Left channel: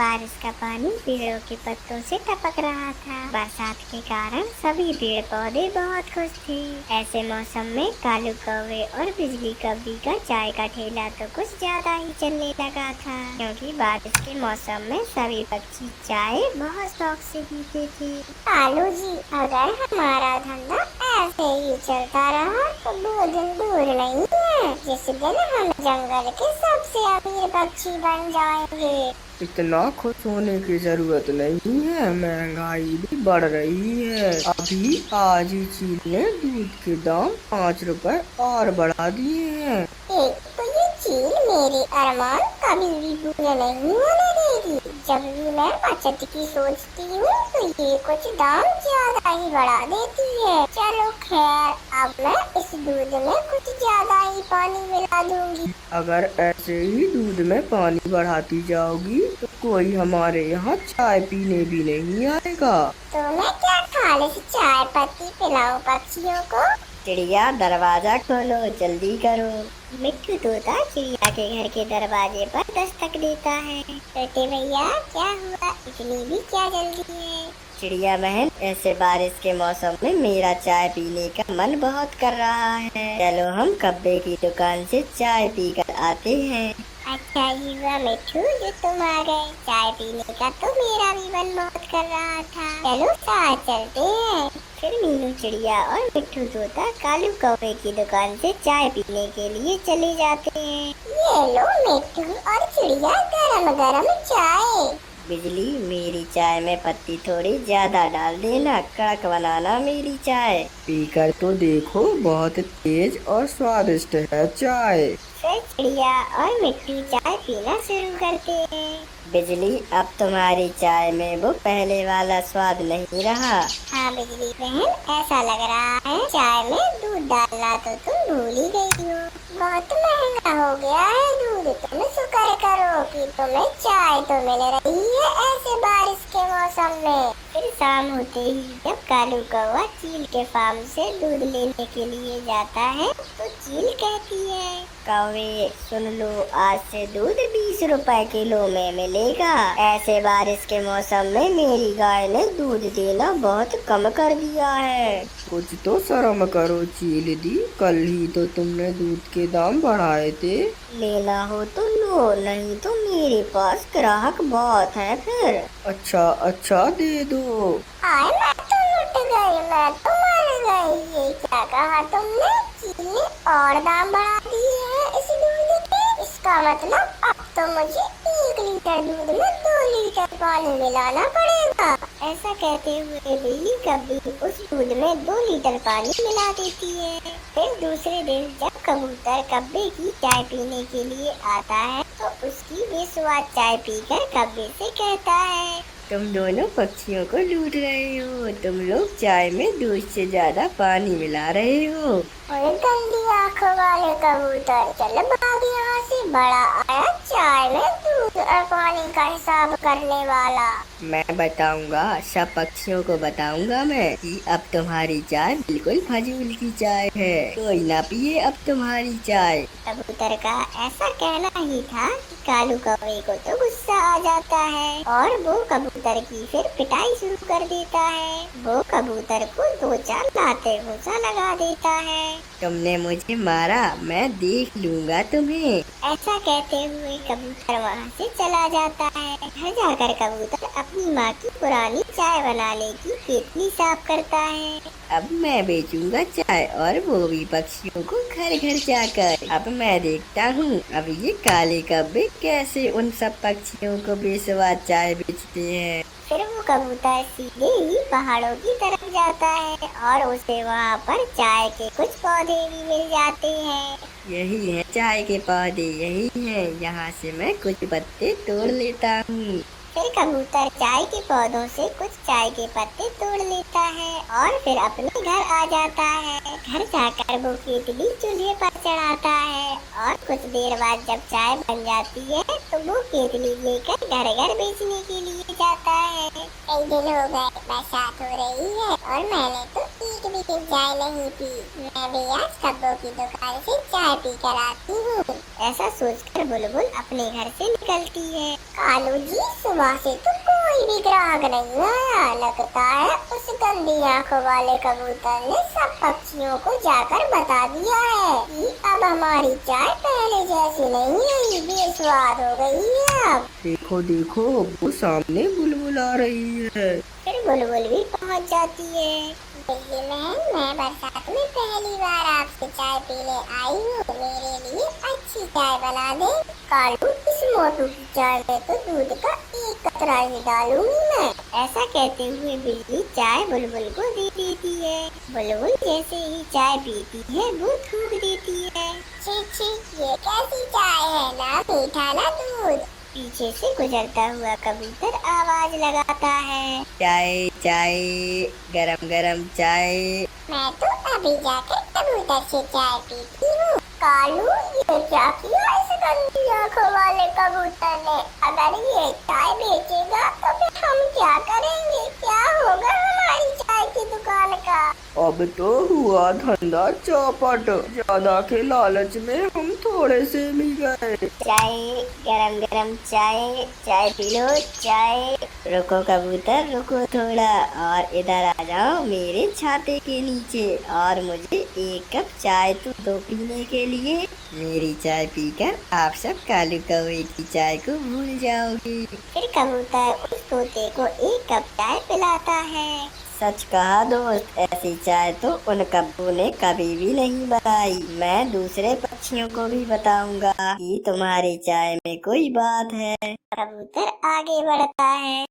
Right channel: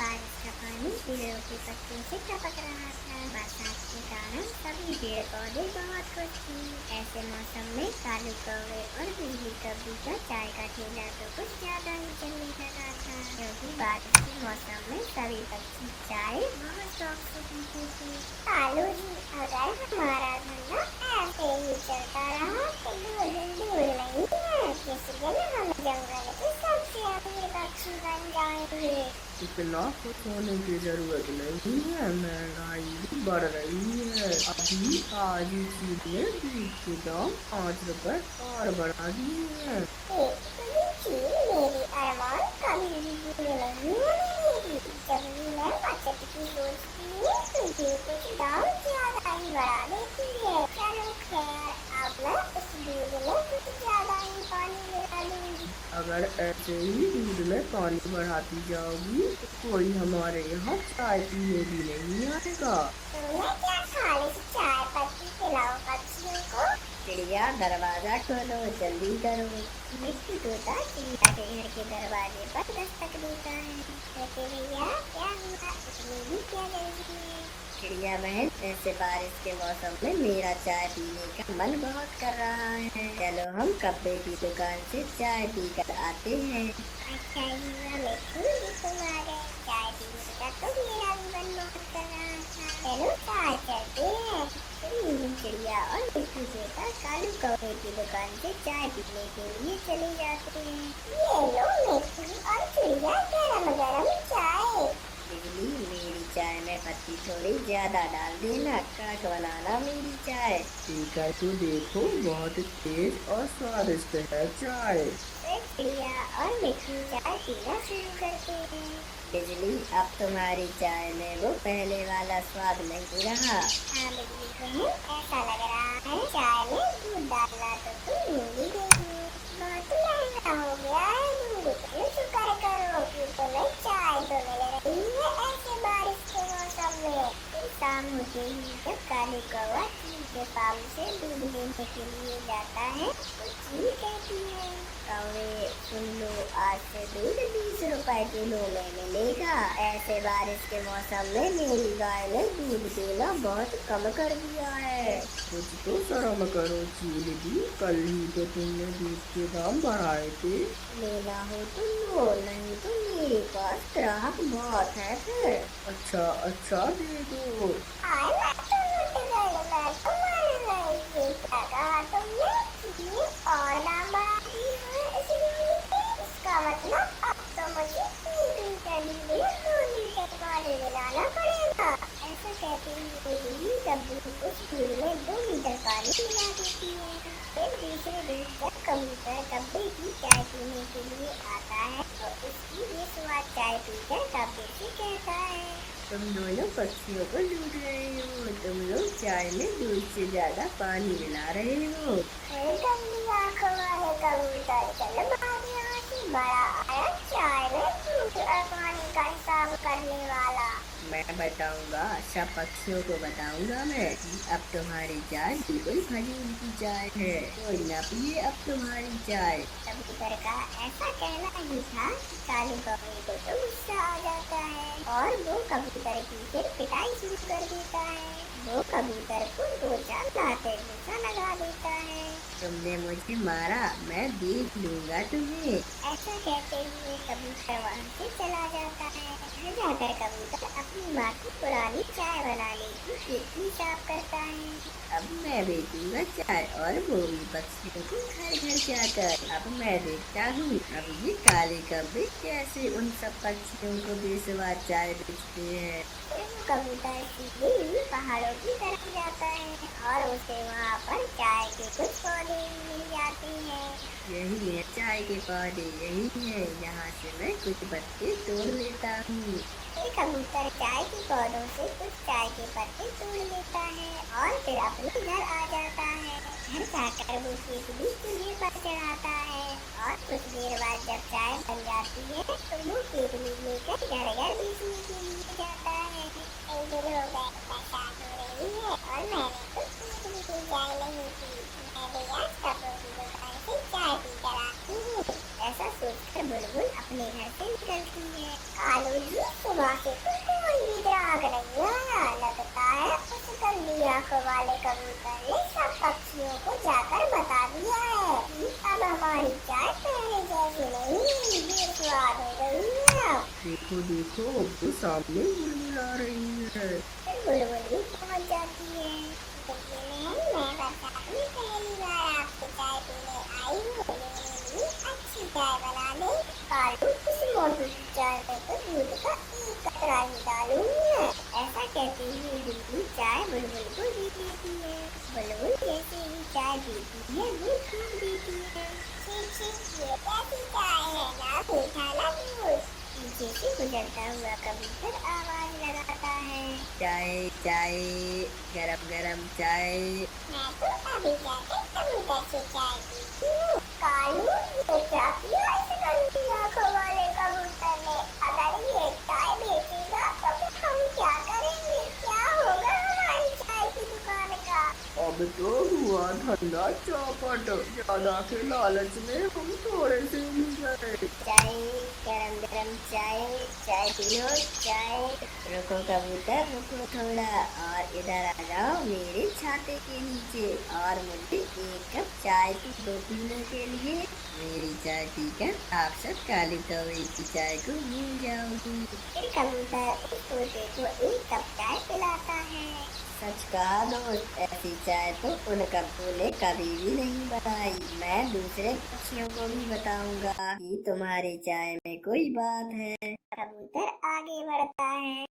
बारिश का पानी पेड़ों के पत्तों से टपक रहा था। बरसात के कारण सभी पेड़ पौधे बहुत खुश थे। ऐसे मौसम में कालू कौवे और बिजली कौवी का चाय का ठेला तो कुछ ज्यादा ही चलने लगा था, क्योंकि बारिश के मौसम में सभी पक्षी चाय बहुत शौक से पीते थे। कालू जी, अगर हमारा धंधा ऐसे ही चलता रहा तो 2 दिन दूर नहीं है जिस दिन हम जंगल के सबसे अमीर पक्षी बन जाएंगे। इतना खुश होने की जरूरत नहीं है, महंगाई भी बढ़ रही है। अभी आज ही चीन ने दूध के दाम 5 रुपए और बढ़ा दिए हैं। एक तो ये चील मेरी अरमान कभी भी पूरे नहीं होने देगी। जब भी मैं बचत की सोचती हूँ तो ये कुछ दाम ज्यादा ही बढ़ा देती है। चलो खैर, अब मैं इस दूध में कुछ ज्यादा ही पानी मिला दूंगी। अगर ऐसे ही दूध में पानी बढ़ाती जाओगी तो कोई हमारे यहाँ चाय पीने भी नहीं आएगा। तो मैं क्या खालिस चाय पत्ती पिलाऊं पक्षियों को? चिड़िया, दरवाजा खोलो, जल्दी करो। मिट्टू तोता चिड़िया के घर के दरवाजे पर दस्तक देता है। छोटे भैया, क्या हुआ? इतनी भी क्या जल्दी है? चिड़िया बहन, ऐसे बारिश के मौसम में मेरा चाय पीने का मन बहुत कर रहा है। चलो हम कब्बे की दुकान से चाय पीकर आते हैं। अच्छा ही हुआ मिट्टू जो तुम आ गए। चाय पीने का तो मेरा भी मन बहुत कर रहा था। चलो साथ चलते हैं। फिर मीनू चिड़िया और मिट्टू तोता कालू कौवे की दुकान से चाय पीने के लिए चले जाते हैं। ये लो मिट्टू और चिड़िया, गरम गरम चाय। बिजली, मेरी चाय में पत्ती थोड़ी ज्यादा डाल देना, कड़क बनाना मेरी चाय। पीकर तो देखो, बहुत तेज और स्वादिष्ट है चाय। फिर चिड़िया और मिट्टू चाय पीना शुरू करते हैं। बिजली, अब तुम्हारी चाय में वो पहले वाला स्वाद नहीं रहा। हाँ बिजली बहन, ऐसा लग रहा है चाय में दूध डालना तो तुम भूल ही गई हो। बहुत महंगा हो गया है दूध। तुम शुक्र करो कि तुम्हें चाय तो मिल रही है ऐसे बारिश के मौसम में। फिर शाम होते ही जब कालू कौवा चील के फार्म से दूध लेने के लिए जाता है तो चील कहती है, कौवे सुन लो, आज से दूध 20 रुपए किलो में मिलेगा। ऐसे बारिश के मौसम में मेरी गाय ने दूध देना बहुत कम कर दिया है। कुछ तो शर्म करो चील दी, कल ही तो तुमने दूध के दाम बढ़ाए थे। लेना हो तो लो, नहीं तो मेरे पास ग्राहक बहुत है फिर। अच्छा अच्छा, दे दो। आए मैं तो लुट गई, मैं तो मर गई। ये क्या कहा तुमने? चील ने और दाम बढ़ा दिए हैं इस दूध के। इसका मतलब अब तो मुझे 1 लीटर दूध में 2 लीटर पानी मिलाना पड़ेगा। ऐसा कहते हुए बिल्ली कभी उस दूध में 2 लीटर पानी मिला देती है। फिर दूसरे दिन जब कबूतर कब्बे की चाय पीने के लिए आता है तो उसकी बेस्वाद चाय पीकर कब्बे से कहता है, तुम दोनों पक्षियों को लूट रहे हो। तुम लोग चाय में दूध से ज्यादा पानी मिला रहे हो। और गंदी आंखों वाले कबूतर, चल भाग यहाँ से। बड़ा आया चाय में दूध और पानी का हिसाब करने वाला। मैं बताऊंगा, सब पक्षियों को बताऊंगा मैं कि अब तुम्हारी चाय बिल्कुल फजूल की चाय है। कोई ना पिए अब तुम्हारी चाय। कबूतर का ऐसा कहना ही था कि कालू कौवे को तो गुस्सा आ जाता है और वो कबूतर की फिर पिटाई शुरू कर देता है। वो कबूतर को 2-4 लाते घूंसा लगा देता है। तुमने मुझे मारा, मैं देख लूंगा तुम्हें। ऐसा कहते हुए कबूतर वहाँ से चला जाता है। घर जाकर कबूतर अपनी माँ की पुरानी चाय बनाने की केतली साफ करता है। अब मैं बेचूंगा चाय और वो भी पक्षियों को घर घर जाकर। अब मैं देखता हूँ अब ये काले कब्बे कैसे उन सब पक्षियों को बेस्वाद चाय बेचते हैं। फिर वो कबूतर सीधे ही पहाड़ों की तरफ जाता है और उसे वहाँ पर चाय के कुछ पौधे भी मिल जाते हैं। यही है चाय के पौधे, यही है। यहाँ से मैं कुछ पत्ते तोड़ लेता हूँ। फिर कबूतर चाय के पौधों से कुछ चाय के पत्ते तोड़ लेता है और फिर अपने घर आ जाता है। घर जाकर वो केतली चूल्हे पर चढ़ाता है और कुछ देर बाद जब चाय बन जाती है तो वो केतली लेकर घर घर बेचने के लिए जाता है। कई दिन हो गए बरसात हो रही है और मैंने तो एक भी चाय नहीं पी। मैं भी आज कब्बों की दुकान से चाय पी कर आती हूँ। ऐसा सोचकर बुलबुल अपने घर से निकलती है। कालू जी, सुबह से तो कोई भी ग्राहक नहीं आया। लगता है उस गंदी आंखों वाले कबूतर ने सब पक्षियों को जाकर बता दिया है कि अब हमारी चाय पहले जैसी नहीं रही, बेस्वाद हो गई है अब। देखो देखो, वो सामने बुलबुल आ रही है। फिर बुलबुल भी पहुंच जाती है। देखिए मैं बरसात में पहली बार आपसे चाय पीने आई हूँ। मेरे लिए अच्छी चाय बना दे। कालू, इस मोटू की चाय में तो दूध का एक कतरा ही डालूंगी मैं। ऐसा कहते हुए बिल्ली चाय बुलबुल को दे देती है। बुलबुल जैसे ही चाय पीती है वो थूक देती है। छी छी, ये कैसी चाय है, ना मीठा ना दूध। पीछे से गुजरता हुआ कबूतर आवाज लगाता है, चाय चाय, गरम गरम चाय। मैं तो अभी जाकर कबूतर से चाय पीती हूँ। कालू, ये क्या किया इस गंदी आंखों वाले कबूतर ने? अगर ये चाय बेचेगा तो फिर हम क्या करेंगे? क्या होगा हमारी चाय की दुकान का? अब तो हुआ धंधा चौपट, ज्यादा के लालच में हम थोड़े से भी गए। चाय, गरम गरम चाय, चाय पी लो चाय। रुको कबूतर, रुको थोड़ा, और इधर आ जाओ मेरे छाते के नीचे, और मुझे एक कप चाय तो दो पीने के लिए। मेरी चाय पीकर आप सब कालू कौवे की चाय को भूल जाओगे। फिर कबूतर उस तोते को एक कप चाय पिलाता है। सच कहा दोस्त, ऐसी चाय तो उन कब्बों ने कभी भी नहीं बनाई। मैं दूसरे पक्षियों को भी बताऊंगा कि तुम्हारी चाय में कोई बात है। कबूतर आगे बढ़ता है।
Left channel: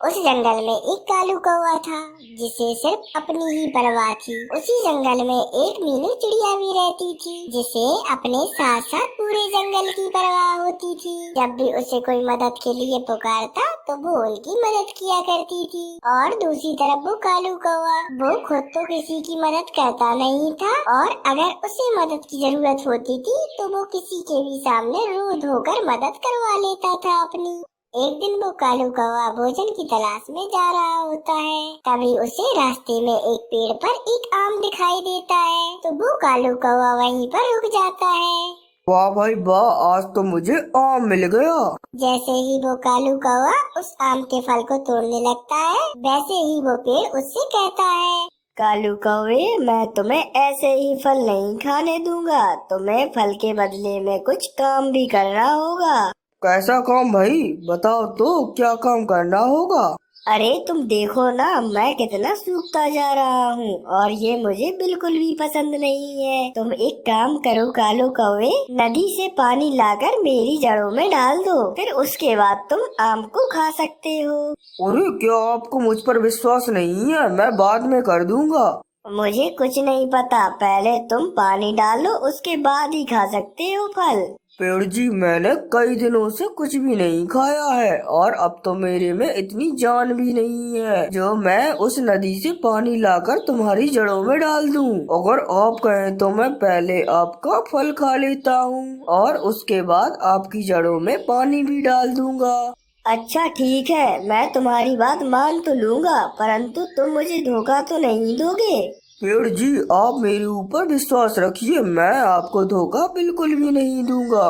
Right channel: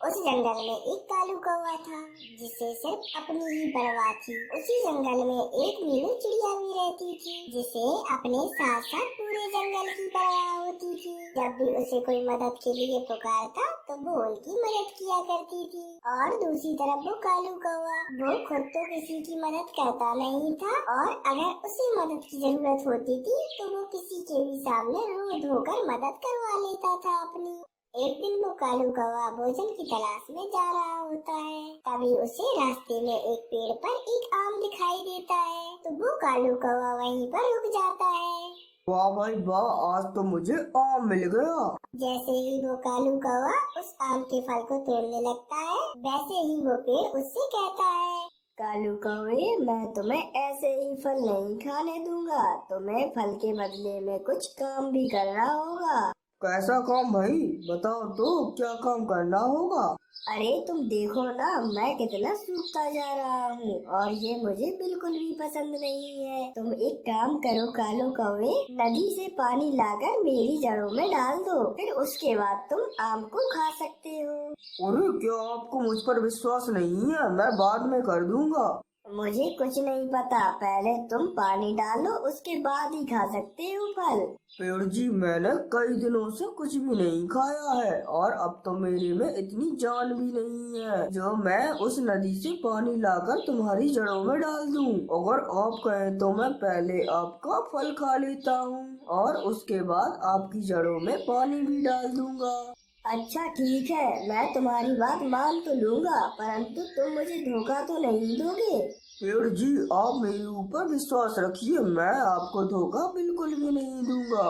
उस जंगल में एक कालू कौवा था जिसे सिर्फ अपनी ही परवाह थी। उसी जंगल में एक मीनू चिड़िया भी रहती थी जिसे अपने साथ साथ पूरे जंगल की परवाह होती थी। जब भी उसे कोई मदद के लिए पुकारता तो वो उनकी मदद किया करती थी। और दूसरी तरफ वो कालू कौवा, वो खुद तो किसी की मदद करता नहीं था, और अगर उसे मदद की जरूरत होती थी तो वो किसी के भी सामने रो धोकर मदद करवा लेता था अपनी। एक दिन वो कालू कौवा भोजन की तलाश में जा रहा होता है। तभी उसे रास्ते में एक पेड़ पर एक आम दिखाई देता है, तो वो कालू कौवा वहीं पर रुक जाता है। वाह भाई वाह, आज तो मुझे आम मिल गया। जैसे ही वो कालू कौवा उस आम के फल को तोड़ने लगता है, वैसे ही वो पेड़ उससे कहता है, कालू कौवे, मैं तुम्हें ऐसे ही फल नहीं खाने दूंगा। तुम्हें फल के बदले में कुछ काम भी करना होगा। कैसा काम भाई, बताओ तो, क्या काम करना होगा? अरे तुम देखो ना, मैं कितना सूखता जा रहा हूँ, और ये मुझे बिल्कुल भी पसंद नहीं है। तुम एक काम करो कालू कौवे, नदी से पानी लाकर मेरी जड़ों में डाल दो, फिर उसके बाद तुम आम को खा सकते हो। अरे क्या आपको मुझ पर विश्वास नहीं है? मैं बाद में कर दूंगा। मुझे कुछ नहीं पता, पहले तुम पानी डालो, उसके बाद ही खा सकते हो फल। पेड़ जी, मैंने कई दिनों से कुछ भी नहीं खाया है, और अब तो मेरे में इतनी जान भी नहीं है जो मैं उस नदी से पानी लाकर तुम्हारी जड़ों में डाल दूं। अगर आप कहें तो मैं पहले आपका फल खा लेता हूँ, और उसके बाद आपकी जड़ों में पानी भी डाल दूंगा। अच्छा ठीक है, मैं तुम्हारी बात मान तो लूंगा, परंतु तुम मुझे धोखा तो नहीं दोगे? पेड़ जी, आप मेरे ऊपर विश्वास रखिए, मैं आपको धोखा बिल्कुल भी नहीं दूंगा।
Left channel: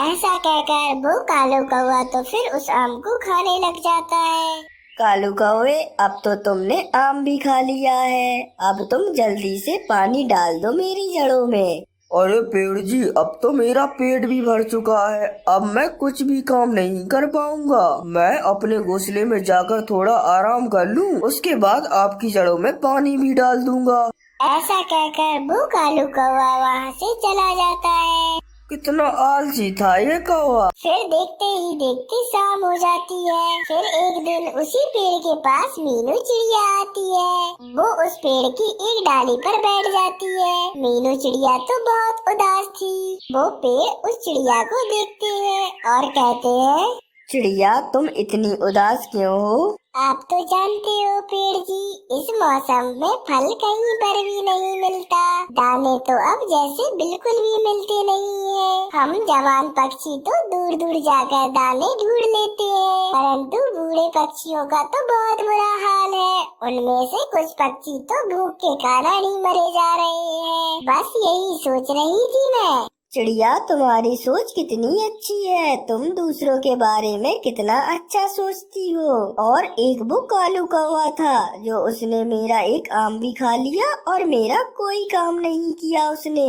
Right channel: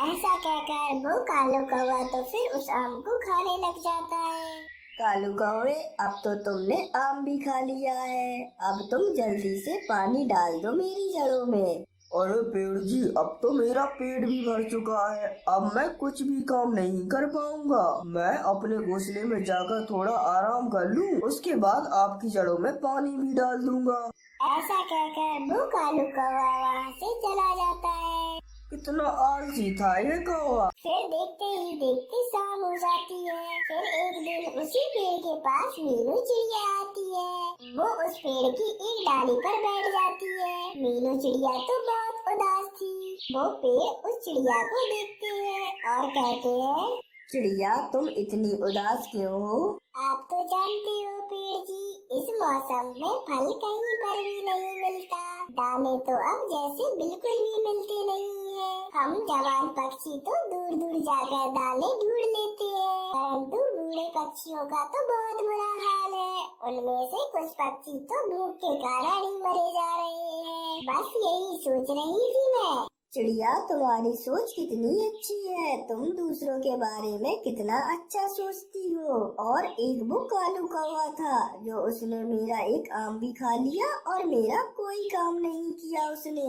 ऐसा कहकर वो कालू कौवा तो फिर उस आम को खाने लग जाता है। कालू कौवे, अब तो तुमने आम भी खा लिया है, अब तुम जल्दी से पानी डाल दो मेरी जड़ों में। अरे पेड़ जी, अब तो मेरा पेट भी भर चुका है, अब मैं कुछ भी काम नहीं कर पाऊंगा। मैं अपने घोंसले में जाकर थोड़ा आराम कर लूं, उसके बाद आपकी जड़ों में पानी भी डाल दूंगा। ऐसा कहकर वो कालू कौवा वहाँ से चला जाता है। कितना आलसी था ये कौवा। फिर देखते ही देखते शाम हो जाती है। फिर एक दिन उसी पेड़ के पास मीनू चिड़िया आती है। वो उस पेड़ की एक डाली पर बैठ जाती है। मीनू चिड़िया तो बहुत उदास थी। वो पेड़ उस चिड़िया को देखते हैं और कहते हैं, चिड़िया, तुम इतनी उदास क्यों हो? आप तो जानते हो पेड़ जी, इस मौसम में फल कहीं पर भी नहीं मिलता। दाने तो अब जैसे बिल्कुल भी मिलते नहीं है। हम जवान पक्षी तो दूर दूर जाकर दाने ढूंढ लेते हैं, परंतु बूढ़े पक्षियों का तो बहुत बुरा हाल है। उनमें से कुछ पक्षी तो भूख के कारण ही मरे जा रहे हैं। बस यही सोच रही थी मैं। चिड़िया, तुम्हारी सोच कितनी अच्छी है। तुम दूसरों के बारे में कितना अच्छा सोचती हो। और एक वो कालू कौवा था जो उसने मेरा एक आम भी खा लिया और मेरा कोई काम नहीं किया उसने।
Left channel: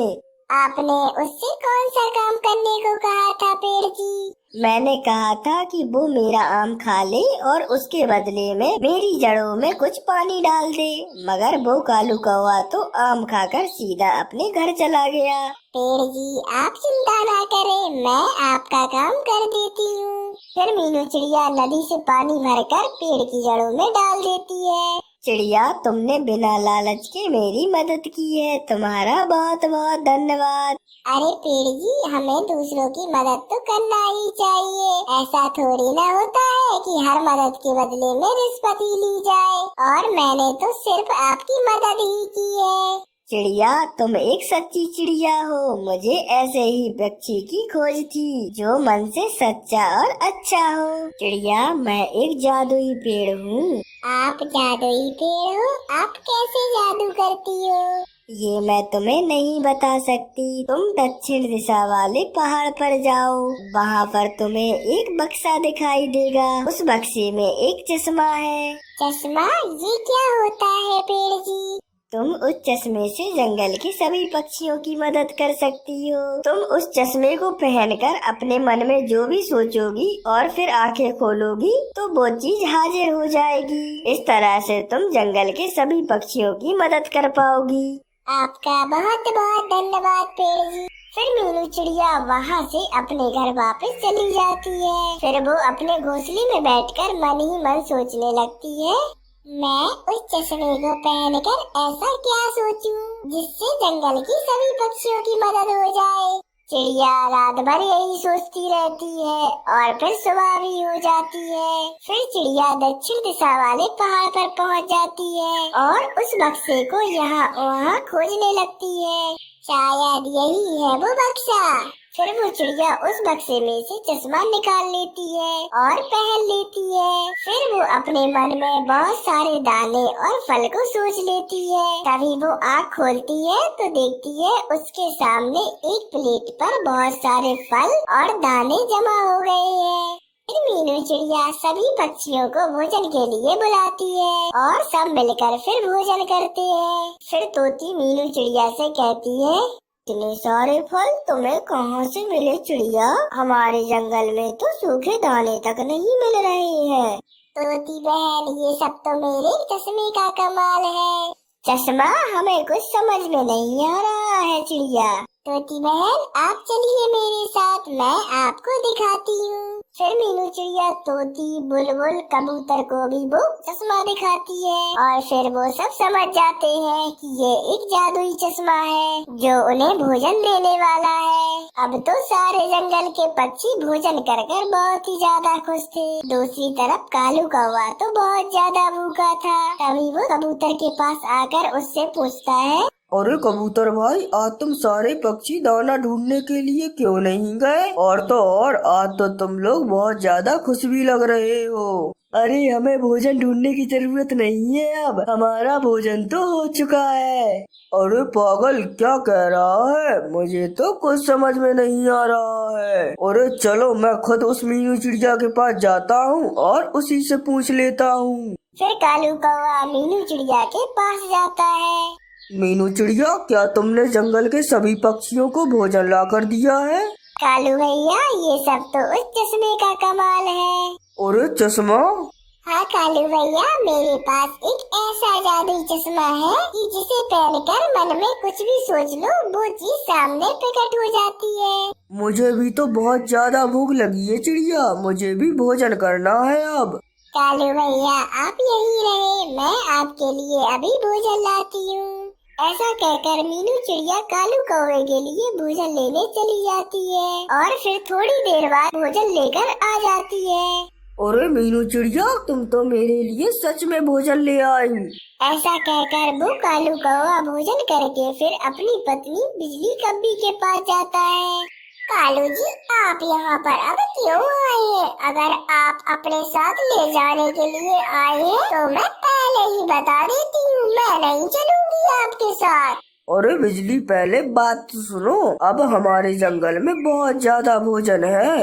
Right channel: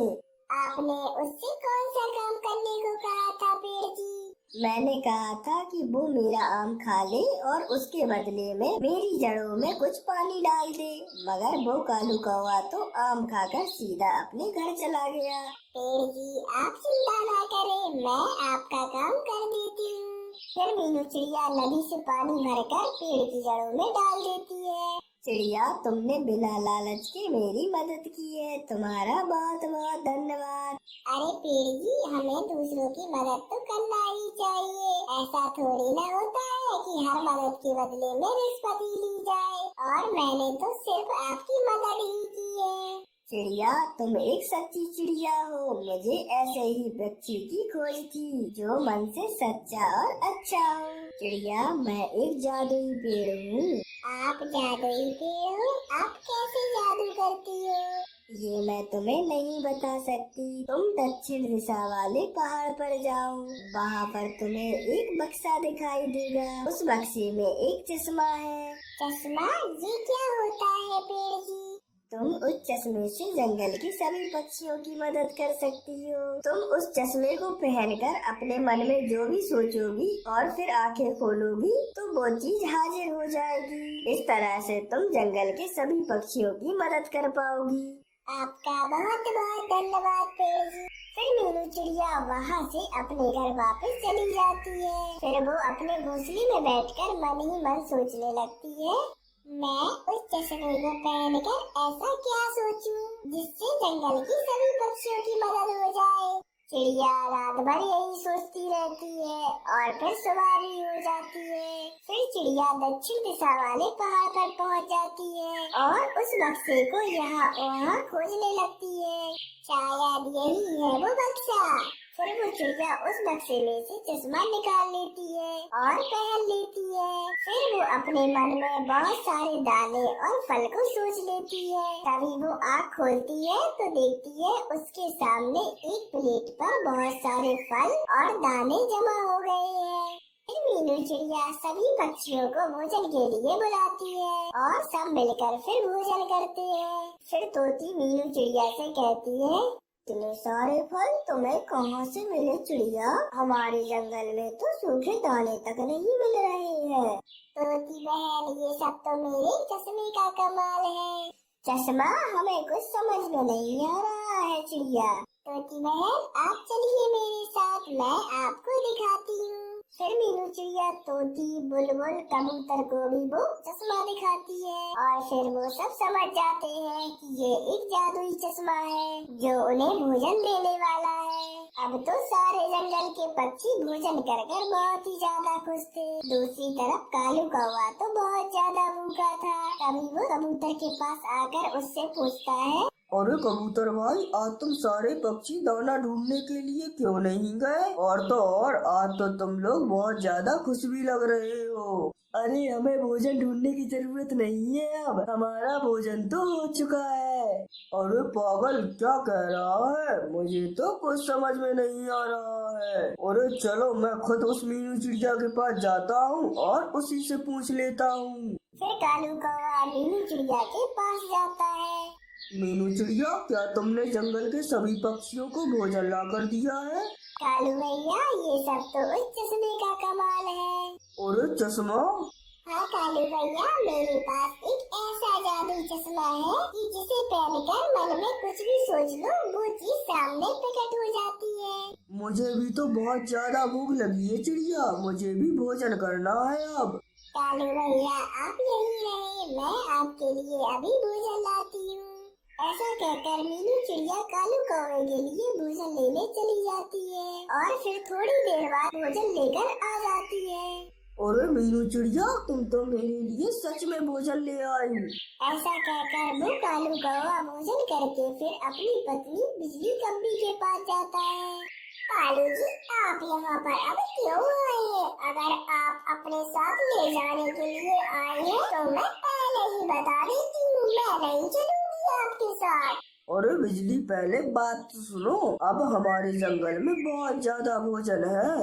आपने उससे कौन सा काम करने को कहा था पेड़ जी? मैंने कहा था कि वो मेरा आम खा ले और उसके बदले में मेरी जड़ों में कुछ पानी डाल दे, मगर वो कालू कौवा तो आम खाकर सीधा अपने घर चला गया। पेड़ जी, आप चिंता ना करें, मैं आपका काम कर देती हूँ। फिर मीनू चिड़िया नदी से पानी भरकर पेड़ की जड़ों में डाल देती है। चिड़िया, तुमने बिना लालच के मेरी मदद की है, तुम्हारा बहुत बहुत धन्यवाद। अरे पेड़ जी, हमें दूसरों की मदद तो करना ही चाहिए। ऐसा थोड़ी ना होता है कि हर मदद के बदले में रिश्वत ही ली जाए। और मैंने तो सिर्फ आपकी मदद ही की है। चिड़िया, तुम एक सच्ची चिड़िया हो। मुझे ऐसे ही पक्षी की खोज थी जो मन से सच्चा और अच्छा हो। चिड़िया, मैं एक जादुई पेड़ हूँ। आप जादुई पेड़ हो? आप कैसे जादू करती हो? ये मैं तुम्हें नहीं बता सकती। तुम दक्षिण दिशा वाले पहाड़ पर जाओ, वहाँ पर तुम्हें एक बक्सा दिखाई देगा। उस बक्से में एक चश्मा है। चश्मा? ये क्या होता है पेड़ जी? तुम उस चश्मे से जंगल के सभी पक्षियों की मदद कर सकती हो। तुम उस चश्मे को पहनकर अपने मन में जो भी सोचोगी और फिर आंखें खोलोगी तो वो चीज हाजिर हो जाएगी। इस तरह से तुम जंगल के सभी पक्षियों की मदद कर पाओगी। आपका बहुत बहुत धन्यवाद पेड़ जी। फिर मीनू चिड़िया वहाँ से अपने घर वापस चली जाती है। फिर वो अपने घोंसले में बैठकर मन ही मन सोचने लगती है, मैं उस चश्मे को पहनकर ऐसा क्या सोचूं जिससे जंगल की सभी पक्षियों की मदद हो जाए। चिड़िया रात भर यही सोचती रहती है और फिर सुबह भी हो जाती है। फिर चिड़िया दक्षिण दिशा वाले पहाड़ पर पहुंच जाती है और उस बक्से को यहाँ वहाँ खोजने लगती है। शायद यही है वो बक्सा। फिर वो चिड़िया उस बक्से में से चश्मा निकाल लेती है और पहन लेती है। फिर वो अपने मन में बहुत सारे दाने और फल को सोच लेती है। तभी वो आँख खोलती है तो देखती है उसके सामने एक प्लेट पर बहुत सारे फल और दाने जमा हो गए हैं। फिर मीनू चिड़िया सभी पक्षियों को भोजन के लिए बुलाती है और सब मिलकर फिर भोजन करते हैं। फिर तोती मीनू चिड़िया से कहती है, इतने सारे फल तुम्हें कहाँ से मिले चिड़िया? हमारे जंगल में तो सूखे दाने तक नहीं मिल रहे हैं। तोती बहन, ये सब तो मेरे चश्मे का कमाल है। चश्मा? हमें कुछ समझ में नहीं आ रहा है चिड़िया। तोती बहन, आप चलिए मेरे साथ, मैं आपको दिखाती हूँ। फिर मीनू चिड़िया तोती, बुलबुल, कबूतर को भी वो चश्मा दिखाती है और फिर वो सब समझ जाते हैं कि ये एक जादुई चश्मा है जो उन्हें भोजन देने वाला है। अब तो सारे जंगल के पक्षी भोजन कर कर बहुत ही ज्यादा खुश थे। दूसरी तरफ कालू कौवा तो बहुत ज्यादा भूखा था। तभी वो कबूतर के पास आकर उससे पूछता है, अरे कबूतर भाई, आज तुम सारे पक्षी दाना ढूंढने के लिए क्यों नहीं गए? और तो और आज तो तुम लोग बहुत ज्यादा खुश भी लग रहे हो। अरे हमें भोजन ढूंढने की जरूरत नहीं है, अब हमारा भोजन तो हो चुका है। अरे पागल, क्या कह रहा है? मुझे तो कुछ समझ में नहीं आ रहा है। अरे चलो, मैं खुद उस मीनू चिड़िया के पास जाता हूँ और उसी से पूछ लेता हूँ। फिर कालू कौवा मीनू चिड़िया के पास जाता है। मीनू चिड़िया, क्या तुमने जंगल के सभी पक्षियों को भोजन ला कर दिया है? कालू भैया, ये सब तो उस चश्मे का कमाल है। अरे चश्मा? हाँ कालू भैया, मेरे पास एक ऐसा जादुई चश्मा है कि जिसे पहनकर मन में कुछ भी सोच लो वो चीज सामने प्रकट हो जाती है। मुझे भी तो बहुत ज्यादा भूख लगी है चिड़िया, मुझे भी भोजन करना है अब। कालू भैया, आप यहीं रहे, मैं आपके लिए अभी भोजन लाती हूँ। ऐसा कहकर मीनू चिड़िया कालू कौवे के लिए भोजन लेने चली जाती है और फिर थोड़ी देर बाद भोजन लेकर आ जाती है। अरे मीनू चिड़िया, तुम तो मेरे लिए सच में भोजन ले आई। ऐसा कहकर वो कालू कौवा भोजन करके फिर अपनी पत्नी बिजली कब्बी के पास जाता है। कालू जी, आप यहाँ पर अब क्यों आए हैं? अगर आप अपने साथ ले जाने के लिए आए हैं तो मैं पहले ही बता देती हूँ, मैं नहीं चलूंगी आपके साथ। अरे बिजली, पहले बात तो सुनो। अब हमारे जंगल में बहुत ज्यादा भोजन है।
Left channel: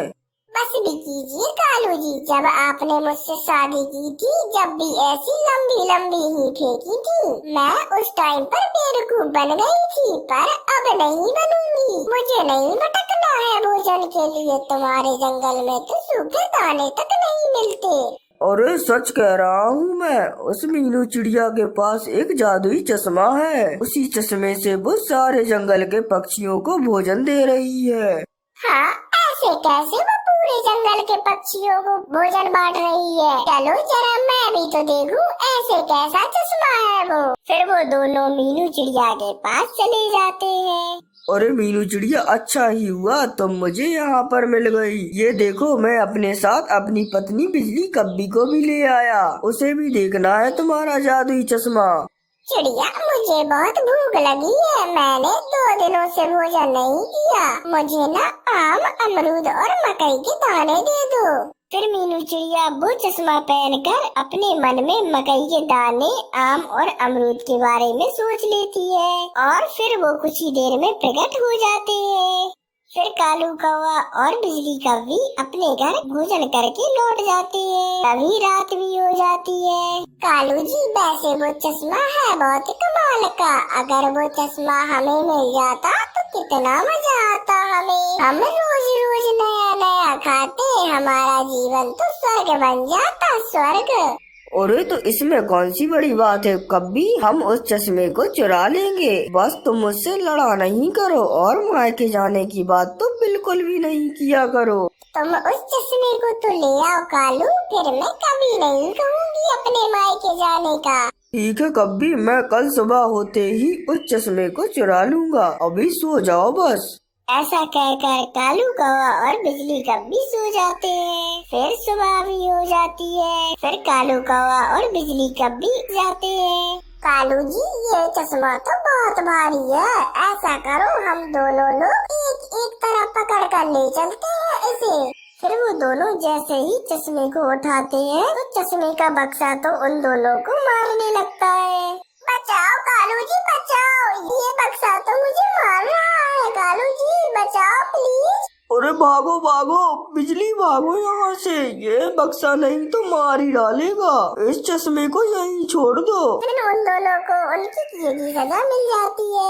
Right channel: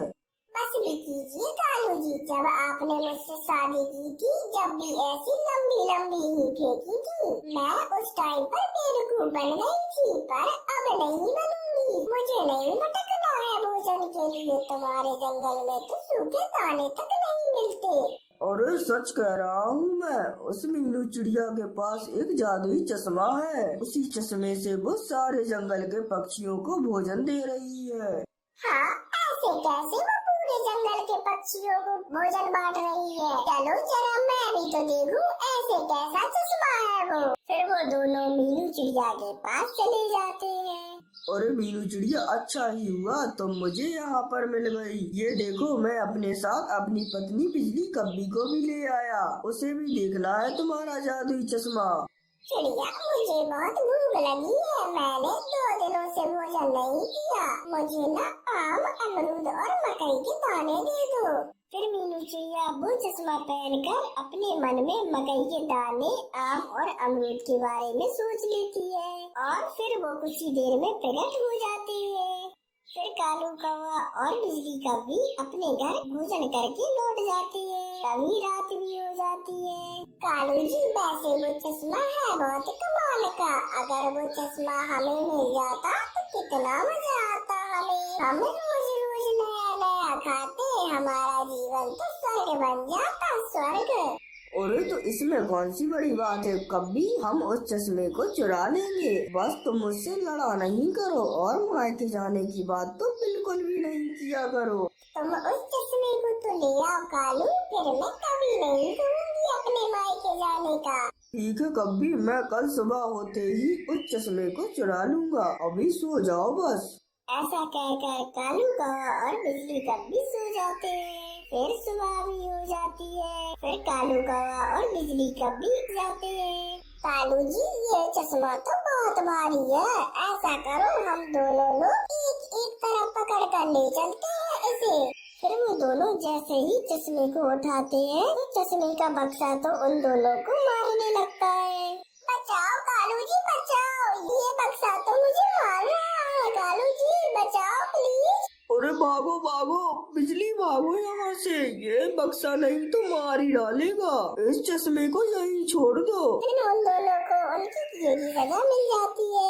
बस भी कीजिए कालू जी, जब आपने मुझसे शादी की थी, जब भी ऐसी लंबी लंबी ही फेंकी थी, मैं उस टाइम पर बेवकूफ बन गई थी, पर अब नहीं बनूंगी। मुझे नहीं भटकना है भोजन के लिए, तुम्हारे जंगल में तो सूखे दाने तक नहीं मिलते। अरे सच कह रहा हूँ मैं, उस मीनू चिड़िया के पास एक जादुई चश्मा है। उसी चश्मे से वो सारे जंगल के पक्षियों को भोजन दे रही है। हाँ, ऐसे कैसे वो पूरे जंगल के पक्षियों को भोजन बांट रही है? चलो जरा मैं भी तो देखूं ऐसे कैसा चश्मा है वो। फिर वो दोनों मीनू चिड़िया के पास चले जाते हैं। अरे मीनू चिड़िया, अच्छा ही हुआ तुम मुझे यहाँ पर मिल गई। ये देखो, मैं अपने साथ अपनी पत्नी बिजली कब्बी को भी ले आया। उसे भी देखना है तुम्हारा जादुई चश्मा। चिड़िया, मुझे बहुत भूख लगी है, मैंने 2 दिनों से भोजन नहीं किया। मुझे ना आम, अमरूद और मकई के दाने दे दो। फिर मीनू चिड़िया वो चश्मा पहनकर अपने मन में मकई के दाने, आम और अमरूद के बारे में सोच लेती है और फिर वो कुछ ही देर में प्रकट हो जाते हैं। फिर कालू कौवा और बिजली कौवी अपने घर भोजन करके लौट जाते हैं। तभी रात भी हो जाती है। कालू जी, वैसे वो चश्मा है बहुत कमाल का, अगर वो चश्मा हमें मिल जाता तो कितना मजा आता हमें। हम रोज रोज नया नया खाते, हमारा जीवन तो स्वर्ग बन जाता, स्वर्ग। अरे तो इसमें कौन सी बड़ी बात है कब्बी, हम उस चश्मे को चुरा लेंगे। बस तुम मुझसे लड़ा नहीं करो और मायके जाने की बात तो बिल्कुल भी नहीं किया करो। तुम उस चश्मे को तो ले आओ कालू, फिर मैं कभी नहीं कहूँगी अपने मायके जाने का। ठीक है कब्बी, मैं कल सुबह होते ही उस चश्मे को चुरा लूँगा। अभी सो जाओ बस। ऐसा कहकर कालू कौवा और बिजली कब्बी सो जाते हैं। फिर सुबह भी हो जाती है। फिर कालू कौवा और बिजली कब्बी जाते हैं। कालू जी, ये चश्मा तो बहुत भारी है, ऐसा करो हम दोनों लोग एक एक तरफ पकड़ कर ले चलते हैं इसे। फिर वो दोनों जैसे ही चश्मे को उठाते हैं तो चश्मे का बक्सा तो उन दोनों को मारने लगता है। बचाओ कालू जी, बचाओ, ये बक्सा तो मुझे मार रहा है। कालू जी, बचाओ प्लीज। अरे भागो भागो बिजली, भागो यहाँ से, ये बक्सा नहीं तो मार ही डालेगा। इस चश्मे को यहीं छोड़ दो। फिर उन दोनों को उनकी की सजा मिल जाती है।